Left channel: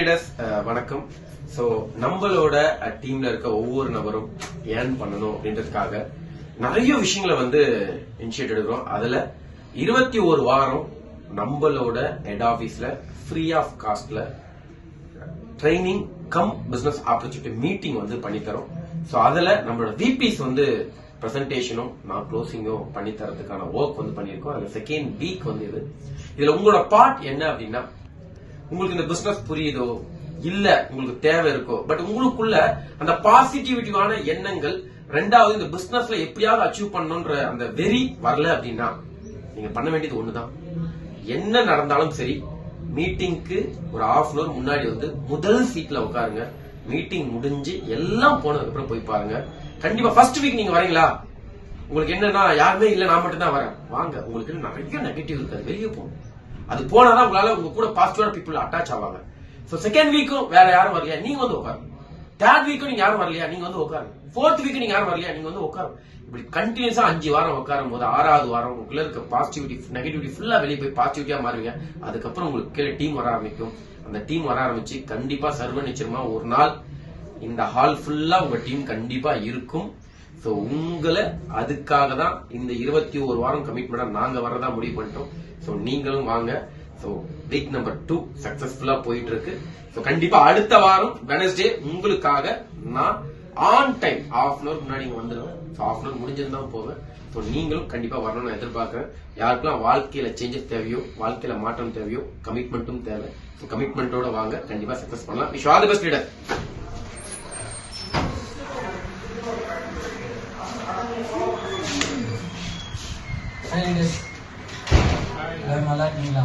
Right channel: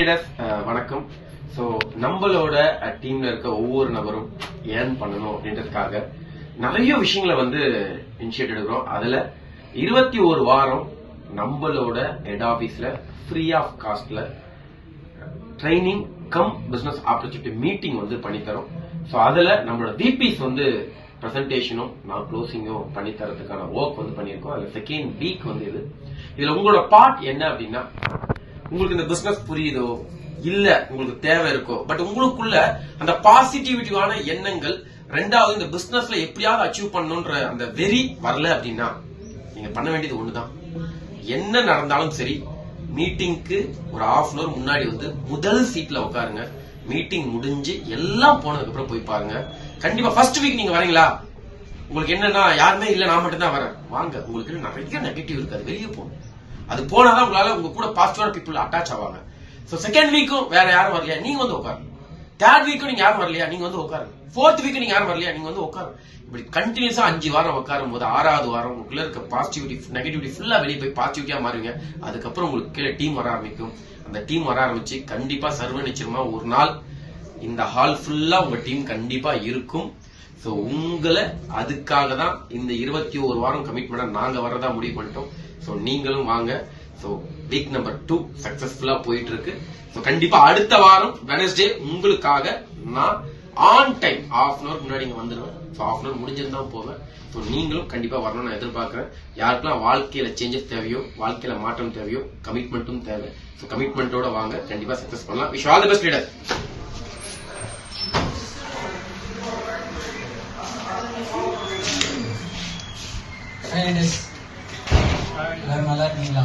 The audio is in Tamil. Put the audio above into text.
வணக்கம். சோ நம்மளோட டீம்ல இருக்க ஒவ்வொரு நபரும் ஏர்ன் பண்ணணும் அப்படின்றதுக்காக நிறைய விஷயங்களை இனிஷியேட் எடுக்கிறோம். அதுல 21 வாரம் நம்மளோட ஹெட் ஆபீஸ்ல ஃப்ரீ ஆஃப் காஸ்ட்ல training cum business opportunity meeting பண்ணி தரோம். சோ அதுல நம்மளோட விபிஸ் பிரசன்டேஷனும் நான் க்ளோசிங்கும் பண்ணி தரதுக்கான ஒர்க் பண்ணிருக்கோம். அதுல செகண்ட் வீக் இதுல உங்களோட பார்ட் என்ன அப்படின்னா, உங்களுக்கு இந்த பிசினஸ் புரியுதோ இல்ல உங்களுக்கு தேவை இருக்கோ, பட் உங்களுக்குள்ள அந்த பாசிட்டிவிட்டியான எண்ணங்கள், ரெண்டாவது இந்த பிசினஸ்ல எப்படியாவது அச்சீவ் பண்ணணும்ன்ற அந்த வெறி வரல அப்படின்னா நீங்க பண்ண வேண்டியது ஒண்ணுதான். என்ன நடந்தாலும் சரி, மீட்டிங்க்கு ஒரு ஹாஃப் அன் அவர் முன்னாடி முதல் சீட்ல உட்காருங்க. மீட்டிங் முடிஞ்சு எல்லாம் போனதுக்கு அப்புறம் போய் பாருங்க. கண்டிப்பா ஃபர்ஸ்ட் வீக் நீங்க வரீங்களா, உங்களுக்கு என்னன்னா யாருமே இல்ல நான் மட்டும் தான் வரேன், வாங்க. உங்களுக்கு நிறைய நெகட்டிவ் இருக்காது, வெளியே போகணும். அது போனாதான் உங்களால உங்க கூட பாசிட்டிவான பீப்புள் அட்டாச் ஆவாங்க. சோ செகண்ட் வீக்கும் வேற யாரும் வரலையா, நீங்க உட்காருங்க. தேர்ட் வீக்கும் நீங்க யாரும் வரலையா, நீங்க உட்காருங்க. ஃபோர்த் வீக் நீங்க யாரும் வரலையா, நீங்க உட்காருங்க. இப்படி கண்டினியூஸா 5 வாரம் உட்காரும் போது 6வது வாரம் உங்களுக்குள்ள இருக்க பாசிட்டிவிட்டி நெகட்டிவிட்டி ஃபுல்லா வெளியே போய் பாசிட்டிவிட்டியா மாறுவீங்க. அதுக்கப்புறம் உங்களுக்கு கீழே டீம் வர ஆரம்பிக்கும். அந்த டீம் வர ஆரம்பிச்சு கண்டிப்பா சர்வ நிச்சயமா ஒரு நாள் இந்த ஹால் ஃபுல்லா உங்க டீம் கண்டிப்பா இருக்கும். சோ உங்களை அதுக்காக தான் இந்த 21 வாரம் கமிட்மெண்டா நாங்க வரதா முடிவு பண்ணிட்டோம். சோ நீங்களும் வாங்க. சோ வீக் நம்பர் 2 சக்சஸ்ஃபுல்லா போயிட்டு இருக்கு. சோ கண்டிப்பா அடுத்த வாரம் வெனஸ்டே உங்களுக்காக நான் on time half an hour முன்னாடி வந்துடுவேன். ஸோ ஹாஃப் அன் அவர் முடிஞ்சிருந்தான் போவேன். ஸோ நீங்களும் கண்டிப்பா வரணும்னு நான் எதிர்பார்க்கிறேன். யாருக்கெல்லாம் வாழ்க்கையில சேஞ்சஸ் தேவையோ, வாழ்க்கையில மாற்றம் தேவையோ, கமிட்மெண்ட்டும் தேவை. ஸோ கமிட்மெண்டோட வாங்க, கண்டிப்பா சக்சஸ் பண்ணலாம். Wish all the best leader. எல்லாரும் நல்லா இருக்கீங்களா?